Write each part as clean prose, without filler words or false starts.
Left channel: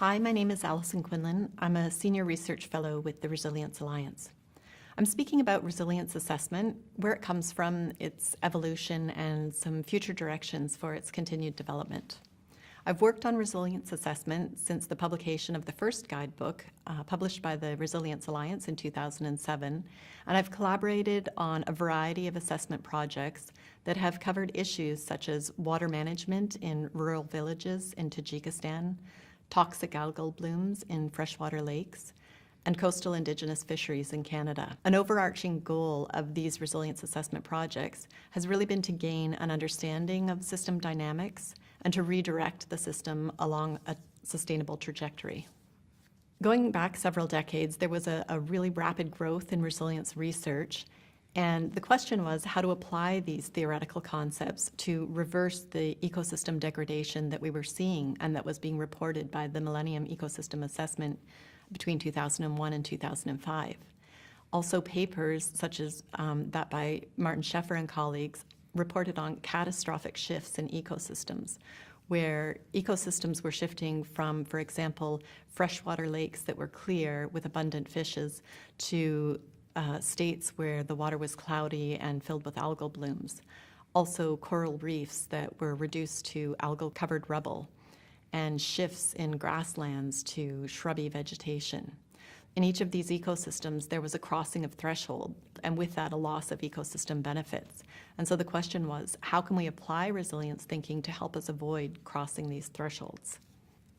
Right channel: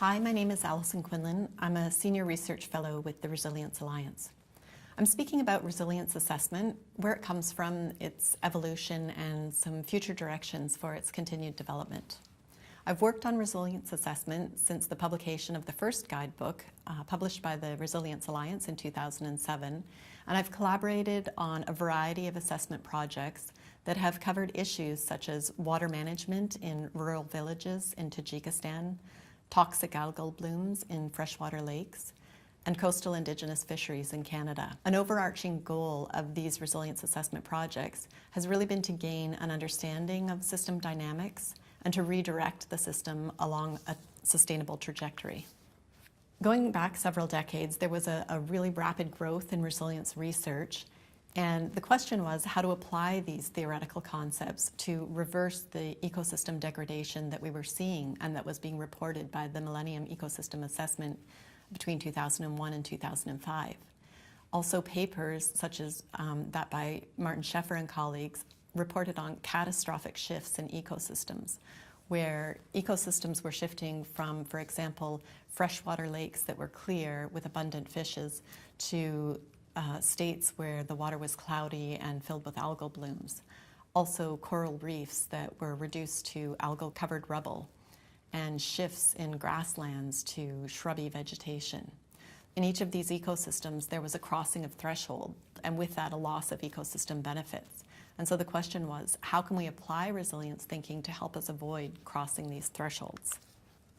Hi, my name is Alison Quinlan. I'm a Senior Research Fellow with the Resilience Alliance. I'm speaking about resilience assessment, where it comes from, its evolution, and some future directions for its continued development. I've worked on resilience assessment since the publication of the first guidebook, published by the Resilience Alliance in 2007, and I've collaborated on a variety of assessment projects that have covered issues such as water management in rural villages in Tajikistan, toxic algal blooms in freshwater lakes, and coastal Indigenous fisheries in Canada. An overarching goal of these resilience assessment projects has really been to gain an understanding of system dynamics and to redirect the system along a sustainable trajectory. Going back several decades, there was a really rapid growth in resilience research, and the question was how to apply these theoretical concepts to reverse the ecosystem degradation that we were seeing and that was being reported by the Millennium Ecosystem Assessment between 2001 and 2005. Also, papers such as that by Martin Scheffer and colleagues reported on catastrophic shifts in ecosystems, where ecosystems were shifting from, for example, freshwater lakes that were clear with abundant fishes to states where the water was cloudy and filled with algal blooms. Also, coral reefs that were reduced to algal-covered rubble, and shifts in grasslands to shrubby vegetation. In each of these ecosystems, there was a crossing of threshold, and with that, a loss of ecosystem benefits. And so the question was, how can we apply resilience thinking to help us avoid crossing these thresholds?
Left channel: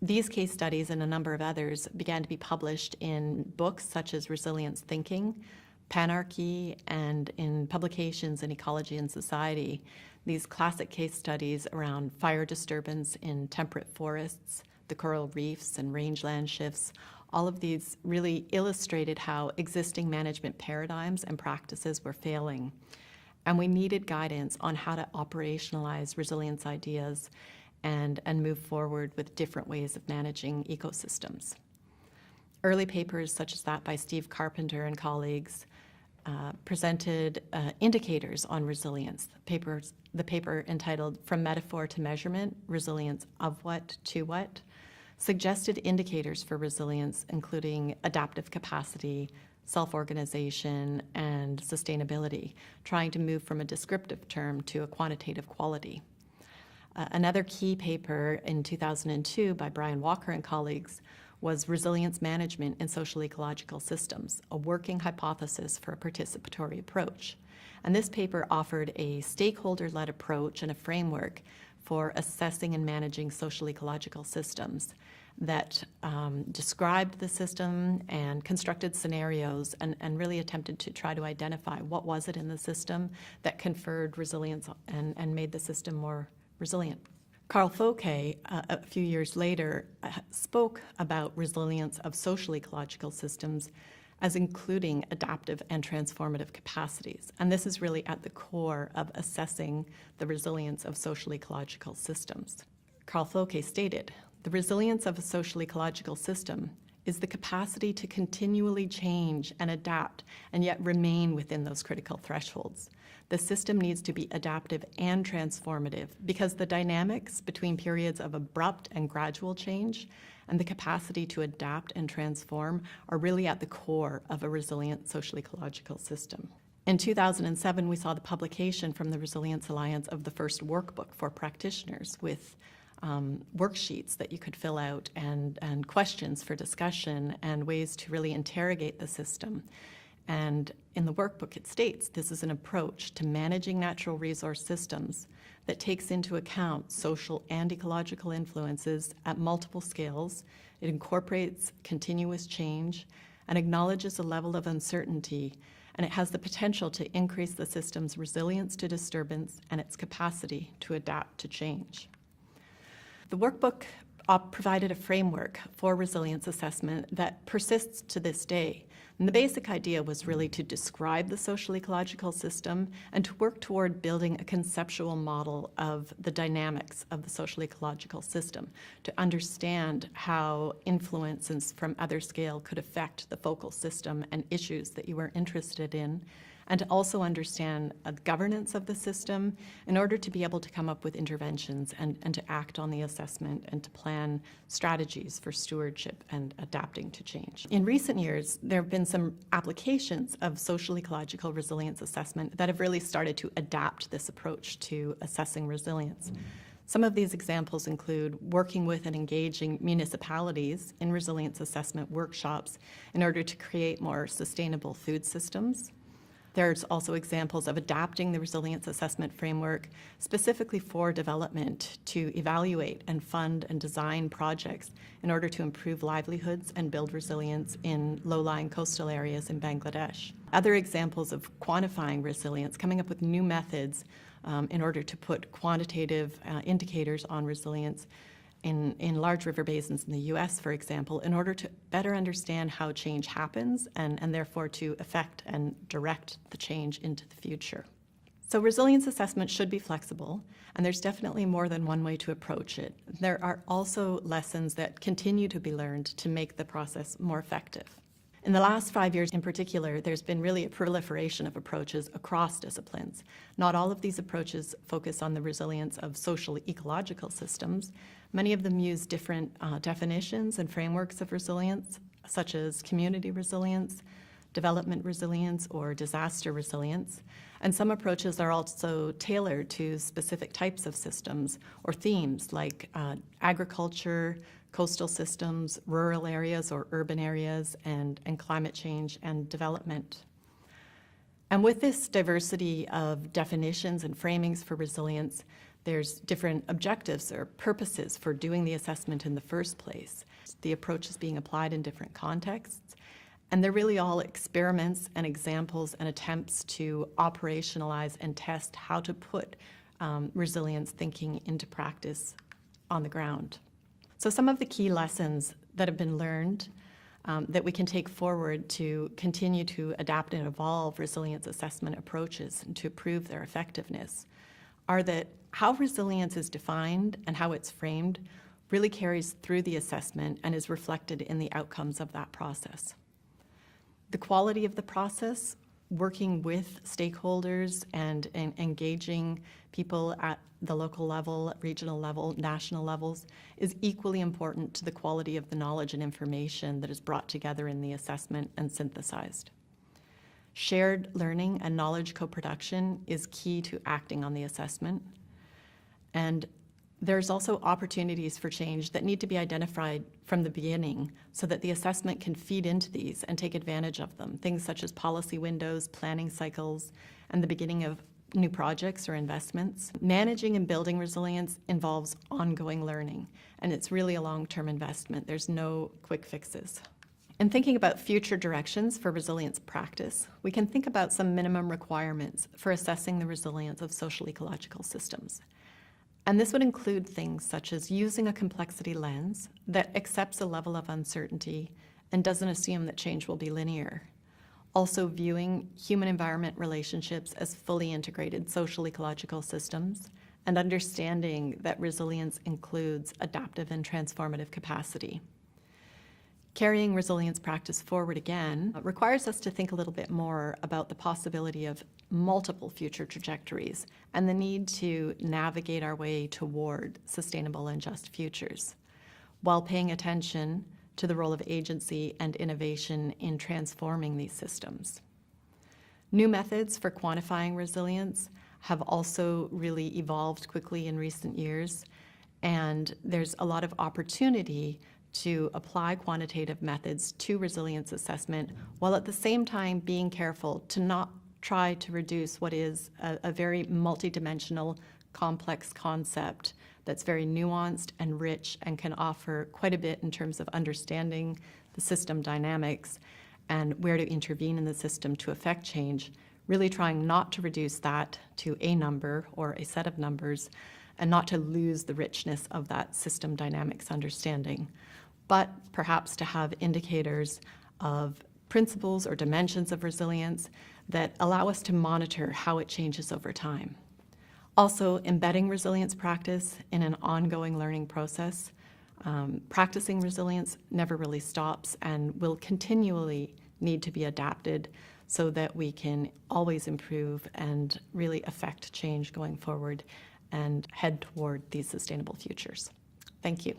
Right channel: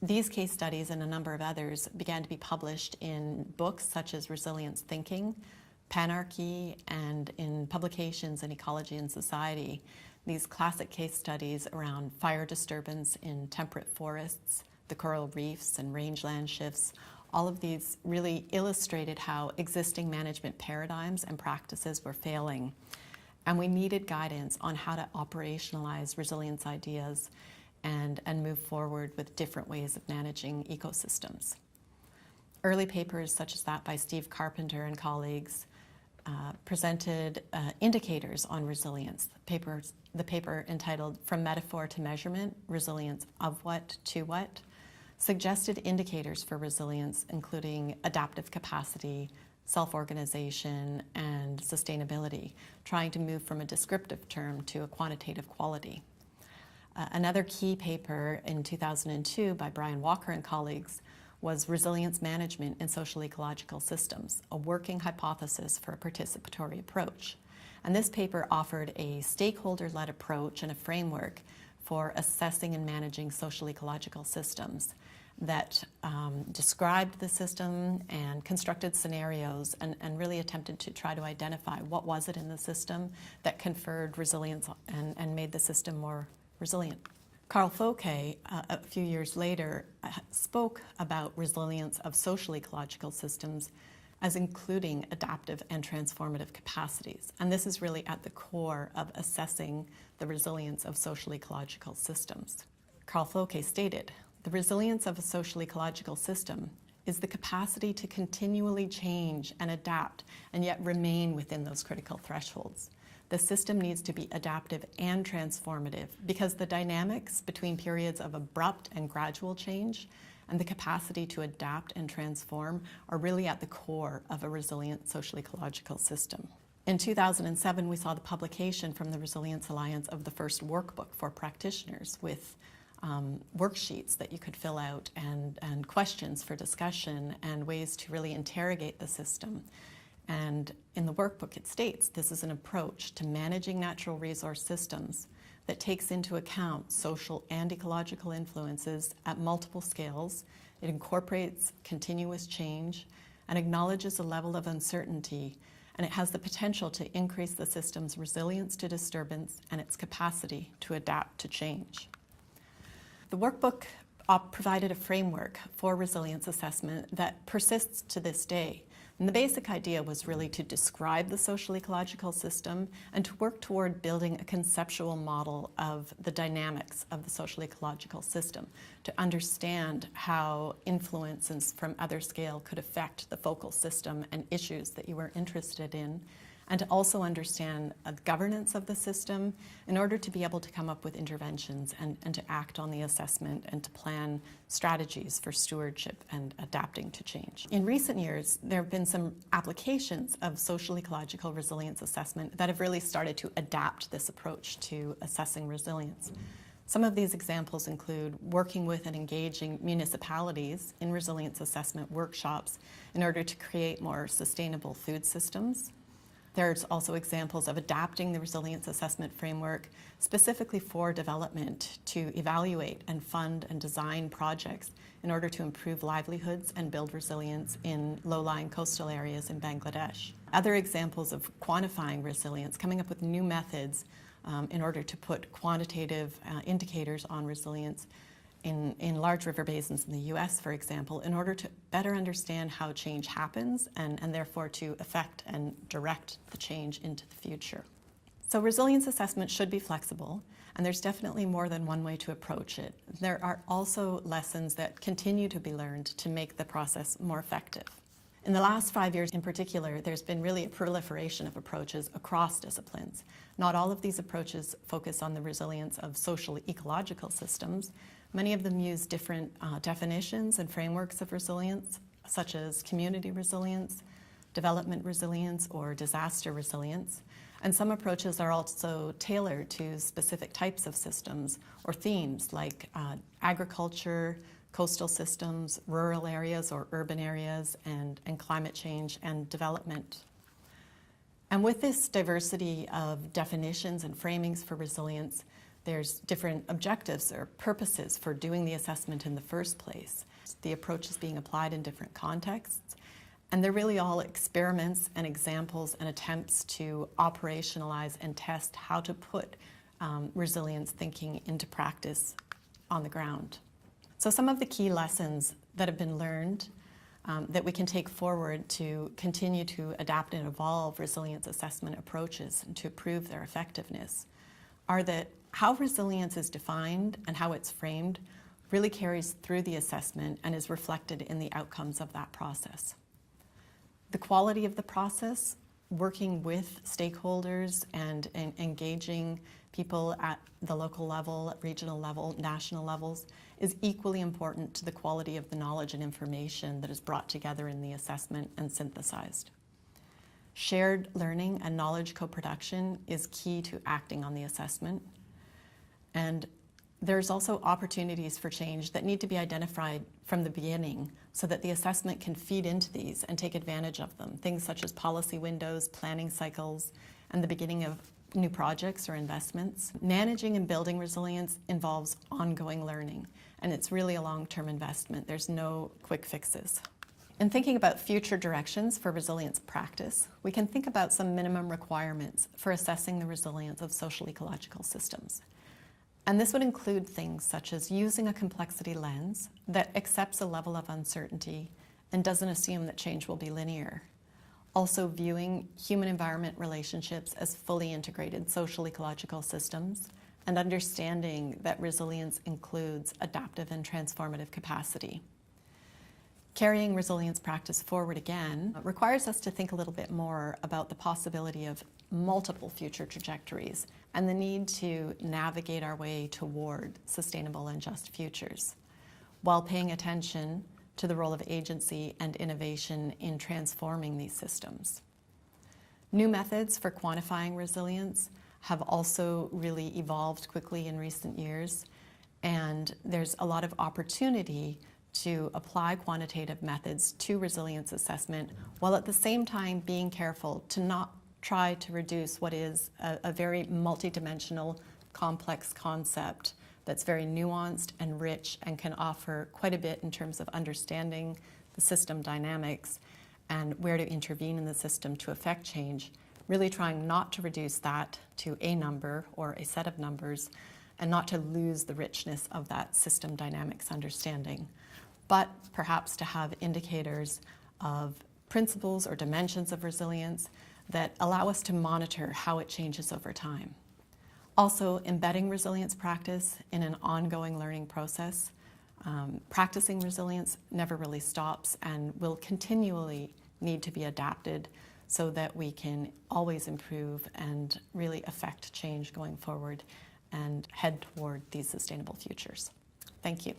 These case studies and a number of others began to be published in books such as Resilience Thinking, Panarchy, and in publications in Ecology and Society. These classic case studies around fire disturbance in temperate forests, the coral reefs and rangeland shifts, all of these really illustrated how existing management paradigms and practices were failing. And we needed guidance on how to operationalize resilience ideas and move forward with different ways of managing ecosystems. Early papers such as that by Steve Carpenter and colleagues presented indicators on resilience. The paper entitled From Metaphor to Measurement, Resilience of What to What, suggested indicators for resilience, including adaptive capacity, self-organization, and sustainability, trying to move from a descriptive term to a quantitative quality. Another key paper in 2002 by Brian Walker and colleagues was Resilience Management in Social Ecological Systems, a working hypothesis for a participatory approach. And this paper offered a stakeholder-led approach and a framework for assessing and managing social ecological systems that described the system and constructed scenarios and really attempted to try to identify what was it in the system that conferred resilience and made the system more resilient. Carl Fouquet, a few years later, spoke about resilience of social ecological systems as including adaptive and transformative capacities. And this is really at the core of assessing the resilience of social ecological systems. Carl Fouquet stated, "The resilience of a social ecological system is the capacity to continually change and adapt and yet remain within those critical thresholds. The system needs to be adaptive and transformative because the dynamics between periods of abrupt and gradual change and the capacity to adapt and transform are really at the core of a resilient social ecological system." In 2007, we saw the publication from the Resilience Alliance of the first workbook for practitioners with worksheets that you could fill out and questions for discussion and ways to really interrogate the system. And in the workbook it states, this is an approach to managing natural resource systems that takes into account social and ecological influences at multiple scales. It incorporates continuous change and acknowledges a level of uncertainty, and it has the potential to increase the system's resilience to disturbance and its capacity to adapt to change. The workbook provided a framework for resilience assessment that persists to this day. And the basic idea was really to describe the social ecological system and to work toward building a conceptual model of the dynamics of the social ecological system, to understand how influences from other scale could affect the focal system and issues that you were interested in, and to also understand the governance of the system in order to be able to come up with interventions and to act on the assessment and to plan strategies for stewardship and adapting to change. In recent years, there have been some applications of social ecological resilience assessment that have really started to adapt this approach to assessing resilience. Some of these examples include working with and engaging municipalities in resilience assessment workshops in order to create more sustainable food systems. There's also examples of adapting the resilience assessment framework specifically for development to evaluate and fund and design projects in order to improve livelihoods and build resilience in low-lying coastal areas in Bangladesh. Other examples of quantifying resilience, coming up with new methods in order to put quantitative indicators on resilience in large river basins in the US, for example, in order to better understand how change happens and therefore to affect and direct the change into the future. So resilience assessment should be flexible, and there's definitely more than one way to approach it. There are also lessons that continue to be learned to make the process more effective. In the last 5 years in particular, there's been really a proliferation of approaches across disciplines. Not all of these approaches focus on the resilience of social ecological systems. Many of them use different definitions and frameworks of resilience, such as community resilience, development resilience, or disaster resilience. And some approaches are also tailored to specific types of systems or themes like agriculture, coastal systems, rural areas or urban areas, and climate change and development. And with this diversity of definitions and framings for resilience, there's different objectives or purposes for doing the assessment in the first place. The approach is being applied in different contexts, and they're really all experiments and examples and attempts to operationalize and test how to put resilience thinking into practice on the ground. So some of the key lessons that have been learned that we can take forward to continue to adapt and evolve resilience assessment approaches and to prove their effectiveness are that how resilience is defined and how it's framed really carries through the assessment and is reflected in the outcomes of that process. The quality of the process, working with stakeholders and engaging people at the local level, regional level, national levels, is equally important to the quality of the knowledge and information that is brought together in the assessment and synthesized. Shared learning and knowledge co-production is key to acting on the assessment. And there's also opportunities for change that need to be identified from the beginning so that the assessment can feed into these and take advantage of them. Things such as policy windows, planning cycles, and the beginning of new projects or investments. Managing and building resilience involves ongoing learning, and it's really a long-term investment. There's no quick fixes. In thinking about future directions for resilience practice, we can think about some minimum requirements for assessing the resilience of social ecological systems. And this would include things such as using a complexity lens that accepts a level of uncertainty and doesn't assume that change will be linear. Also viewing human-environment relationships as fully integrated social ecological systems and understanding that resilience includes adaptive and transformative capacity. Carrying resilience practice forward again requires us to think a little bit more about the possibility of multiple future trajectories and the need to navigate our way toward sustainable and just futures, while paying attention to the role of agency and innovation in transforming these systems. New methods for quantifying resilience have also really evolved quickly in recent years, and there's a lot of opportunity to apply quantitative methods to resilience assessment, while at the same time being careful to not try to reduce what is a very multidimensional, complex concept that's very nuanced and rich and can offer quite a bit in terms of understanding the system dynamics and where to intervene in the system to affect change, really trying not to reduce that to a number or a set of numbers and not to lose the richness of that system dynamics understanding, but perhaps to have indicators of principles or dimensions of resilience that allow us to monitor how it changes over time. Also, embedding resilience practice in an ongoing learning process. Practicing resilience never really stops and will continually need to be adapted so that we can always improve and really affect change going forward and head toward these sustainable futures. Thank you.